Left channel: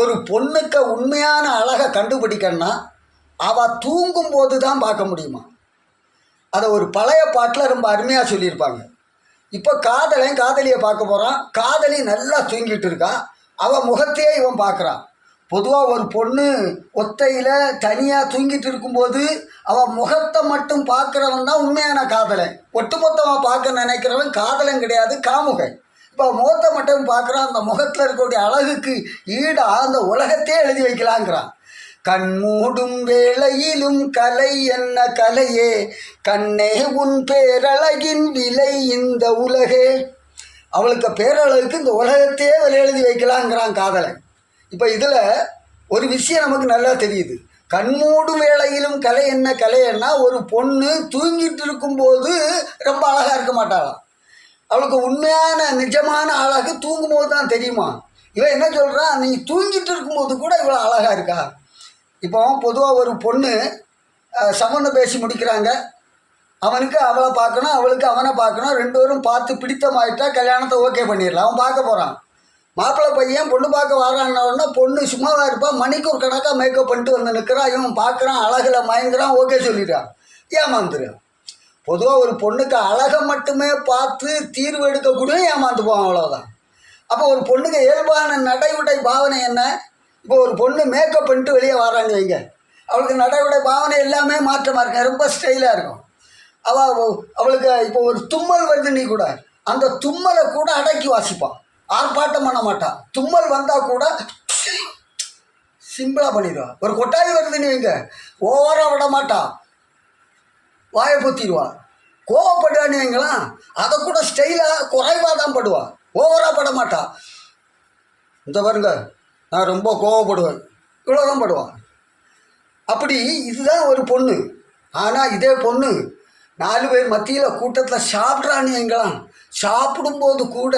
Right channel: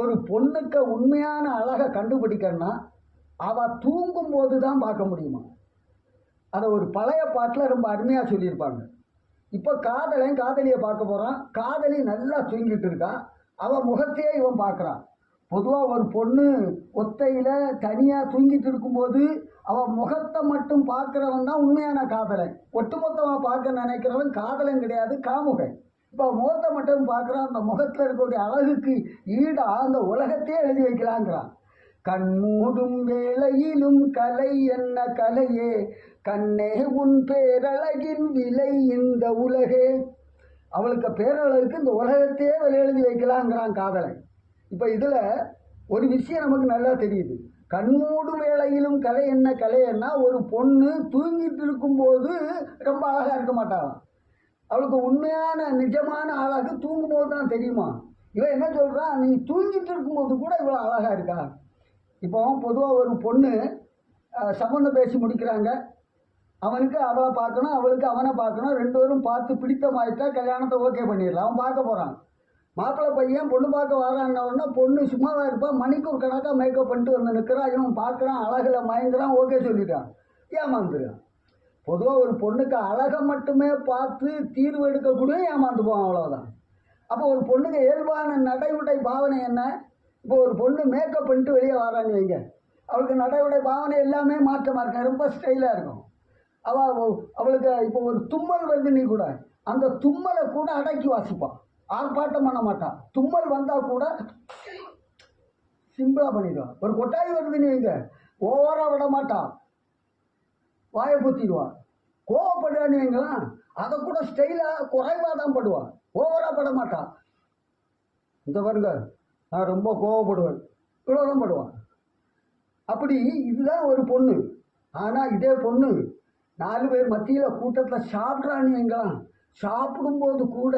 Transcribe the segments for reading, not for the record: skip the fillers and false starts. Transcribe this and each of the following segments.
ஒரு பொண்ணுக்கு உண்மையான அழகை கண்டுபிடிக்கணும்னா அவள் தூங்கும்போது தான் பார்க்க முடியுமா? அதை ஒரு பழைய பாட்டில் ரொம்ப அருமையாக சொல்லியிருப்பாங்க. இப்போ காதலையும் காதலியை பார்க்க போகிறான். காதலி நல்லா தூங்கிட்டு இருக்கா. அவள் முகத்தையே இவன் பார்க்குறான். பொதுவாக ஒரு பொண்ணு ஒத்தையில் தனியாக தூங்கிட்டு இருக்கும்போது அவள் முகத்தை மட்டும் பார்க்குறவன் தான் உண்மையான காதலன். ஒட்டுமொத்தமாக பார்க்க நினைக்கிறவன் காதலன் கிடையாது, காமுகன். இப்போ முகத்தை மட்டும் பார்க்குறான். அந்த முகத்தில் இருக்கக்கூடிய அழகுக்கு ஈடாக அந்த உலகத்தையே எழுதி வைக்கலாங்கிறான். கண்மூடும் வேளையிலும் கலை என்ன கலையே, கண்ணே உன் பேரழகின் விலை இந்த உலகே. அவளுக்கு பேரழகுக்கு இந்த உலகத்தையே விலை எழுதி வைக்கலாங்கிறான் காதலன். இப்போ இதில் ஒரு விஷயம் நமக்கு நல்லா தெரியுது. கண்மூடும் வேளையிலும் கலை என்ன கலைன்னா, ஒரு பொண்ணு தூங்கிட்டு இருக்கும்போது ரொம்ப அழகாக இருக்க மாட்டாளாம். அவளுக்கு உண்மையான நிஜமான அழகு தூங்கும்போது தான் தெரியுமா. இவன் என்ன சொல்கிறான், நீ தூங்கிட்டு இருக்கும்போது கூட இவ்வளோ அழகாக இருக்கா. இப்போ பொதுவாக ஒரு பொண்ணு சம்மந்தம் பேசி முடிக்கிறாங்க. அவனுக்கு அவளை பார்க்கணும், அவளுக்கு அவனை பார்க்கணும். ரெண்டு பேரும் பார்த்து பிடித்தமாயிட்டா கல்யாணத்தை ஓகே பண்ணிடலாம். அவன் பார்க்க போகிறான். மாப்பிள்ளை பையன் பொண்ணு பார்க்க வரான்னா பொண்ணு சும்மாவாக இருப்பான். மணிக்கூர் கணக்காக மேக்கப் பண்ணிட்டு வந்து நிற்கிறான். இவன் பார்க்குறான், அழகில் மயங்குறான், ஓகே சொல்லிடுறான், ஏமாந்துடுறான். பொதுவாக ஒரு பொண்ணுக்கு அழகை மட்டுமே பார்த்து தீர்வு எடுக்கக்கூடிய ஏமாந்து போவான், அவ்வளோதான். அப்போ ஒரு பொண்ணுக்கு இயல்பான நடை உடை பாவனை என்ன? இப்போ ஒரு பொண்ணு மேக்கப் பண்ணிட்டு வெளியே வரான்னு வைங்க, அவளுக்கு நடை உடை பாவனை எல்லாமே மாற்றமாக இருக்கும், ரொம்ப ஸ்டைலாக இருக்கும். அவளுக்கு இப்போ ஒரு தும்மல் வருது, நீ கூட அந்த தும்மலை கூட அடக்கி வாசிப்பான், ஆர்ப்பாட்டம் பண்ண மாட்டான். தும்மல் வந்தால் கூட சிம்பிளாக பண்ணிடுவான். ஒரு கொட்டாய் வருதுன்னு வைங்க, ஓவராக விட மாட்டான், வாயை பொத்திடுவான். கோவப்படுவான்னு வைங்களாம், அதை கூட ஸ்டைலாக குறைவாக தான் படுவான், ஓவராக பட மாட்டான். இந்த பாருங்க, நான் ரொம்ப கோவப்படுவேன், இவ்வளோதான் படுவான். அப்படி இதுதான் ஒரு பொண்ணு. ஆனால் இதே பொண்ணு 4 பேர் மத்தியில் கூட்டத்தில் சாப்பிட்றான்னு வைங்களாம், சாப்பிடும்போது கூட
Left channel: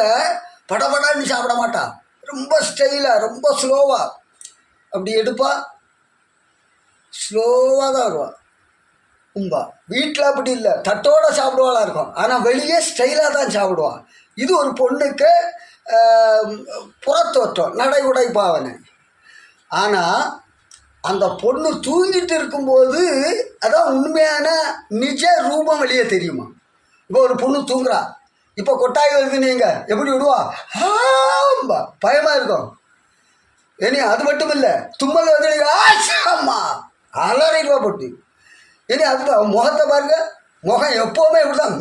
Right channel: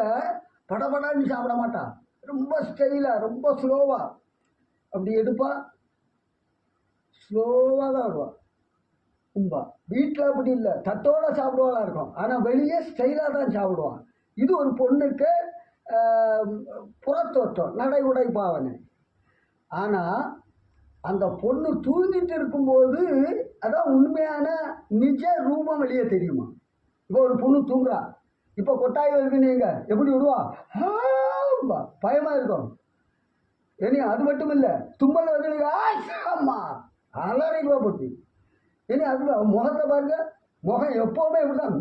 படபடான்னு சாப்பிட மாட்டான், ரொம்ப ஸ்டைலாக ரொம்ப ஸ்லோவாக அப்படி எடுப்பா, ஸ்லோவாக தான் வருவாள். உம்பா வீட்டில் அப்படி இல்லை, தட்டோடு சாப்பிடுவாளாக இருக்கும். ஆனால் வெளியே ஸ்டைலாக தான் சாப்பிடுவான். இது ஒரு பொண்ணுக்கு புறத்தோற்றம், நடை உடை பாவனை. ஆனால் அந்த பொண்ணு தூங்கிட்டு இருக்கும்போது அதான் உண்மையான நிஜ ரூபம் வெளியே தெரியுமா. இப்போ ஒரு பொண்ணு தூங்குறா, இப்போ கொட்டாய் வருதுன்னு நீங்கள் எப்படி விடுவா, ஆம்பா பயமாக இருக்கும். ஏனி அது மட்டும் இல்லை, தும்மல் வந்து ஆமா அலறிடுவா போட்டு. ஏனி அது முகத்தை பாருங்க, முகம் எப்போவுமே இப்படி தான்,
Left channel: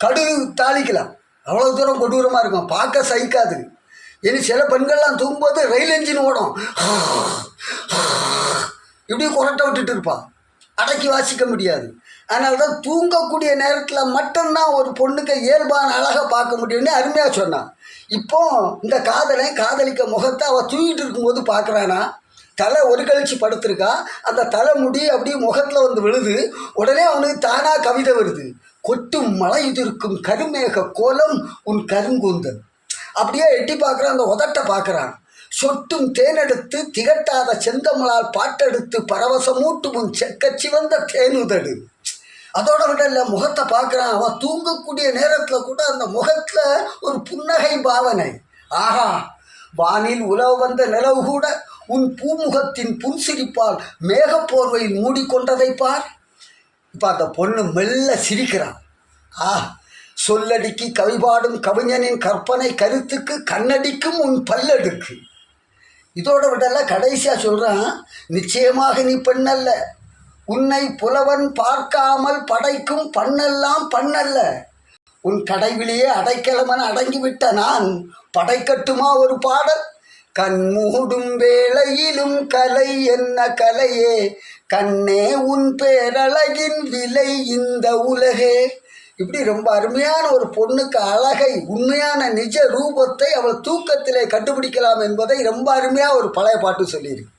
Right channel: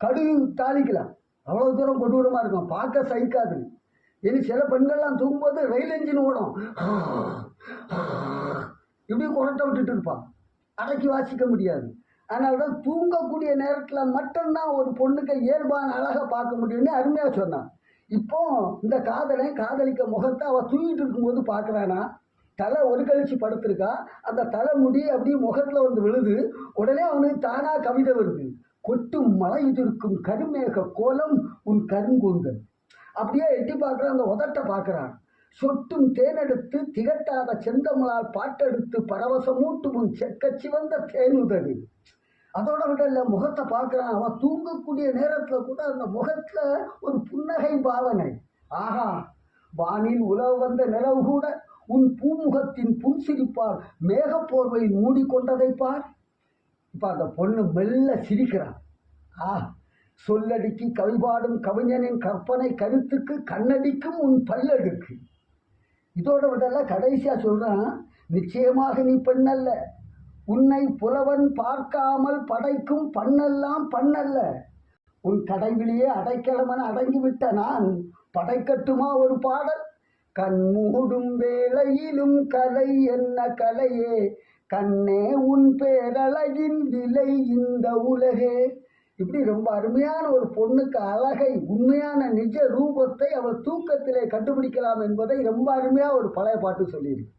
கடுகு தாளிக்கலாம், அவ்வளோ தூரம் கொடூரமாக இருக்கும், பார்க்க சகிக்காது. இனி சில பெண்கள்லாம் தூங்கும்போது ரயில் என்ஜின் ஓடும், இப்படி குரட்டை விட்டுட்டு இருப்பான், அடக்கி வாசிக்க முடியாது. அதனால தான் தூங்கக்கூடிய நேரத்தில் மட்டும்தான் ஒரு பொண்ணுக்கு இயல்பான அழகை பார்க்க முடியும்னு அருமையாக சொன்னான். இப்போ இந்த காதலை காதலிக்க முகத்தை அவள் தூங்கிட்டு இருக்கும்போது பார்க்குறானா, தலை ஒரு கழிச்சு படுத்திருக்கா, அந்த தலை முடி அப்படியே முகத்தில் வந்து விழுது. உடனே அவனுக்கு தானாக கவிதை வருது, கொட்டும் மழையுதிர்க்கும் கருமேக கோலம் உன் கருங்கூந்தல். அப்படியே எட்டி பார்க்குறான், அந்த உதட்டை பார்க்குறான். சொட்டும் தேனெடுத்து திகட்டாத செந்தமலால் பாட்டெடுத்து பரவசமூட்டும் உன் செக்கச்சி வந்த தேனுதடு. அதோட விட இல்லை, முகத்தை பார்க்குறான். அவன் தூங்கக்கூடிய நேரத்தில் கூட அந்த முகத்தில் ஒரு புன்னகை பாவனை. ஆஹா, வானில் உலவு வந்த நிலவு கூட உன் பூமுகத்தின் புன்சிரிப்பால் மேகப்போர்வையில் மூடிக்கொண்டதை பார். இப்போ அந்த பொண்ணு மெல்ல சிரிக்கிறான். சொல்லடிக்கு கவிபாடும் கவிஞனின் கற்பனை கருத்துக்கு கண்ணடிக்கும் உன் பல்லடுக்கு. இதோட விடல கடைசியாக சொல்கிறான், நிச்சயமாக நீ பெண்ணல்ல, உன்னை புலவன் பார்க்காமல் படைக்கும் பண்ணெல்லாம் பண்ணல்ல, உன் கடைவிலேயே அடைக்கலமன அடங்கிவிட்ட நான் படைக்கட்டுமா ஒரு பாடல். கண்மூடும் வேளையிலும் கலை என்ன கலையே, கண்ணே உன் பேரழகின் விலை இந்த உலகே. இப்படி ரொம்ப அருமையான ஒரு பொண்ணுக்கு அழகை, உண்மையான நிஜ ரூபத்தை அவள் தூக்கத்திலே கண்டுபிடிக்கலாம் என்பதை ரொம்ப அருமையாக ஒரு பழைய பாட்டு சொல்லியிருக்கு.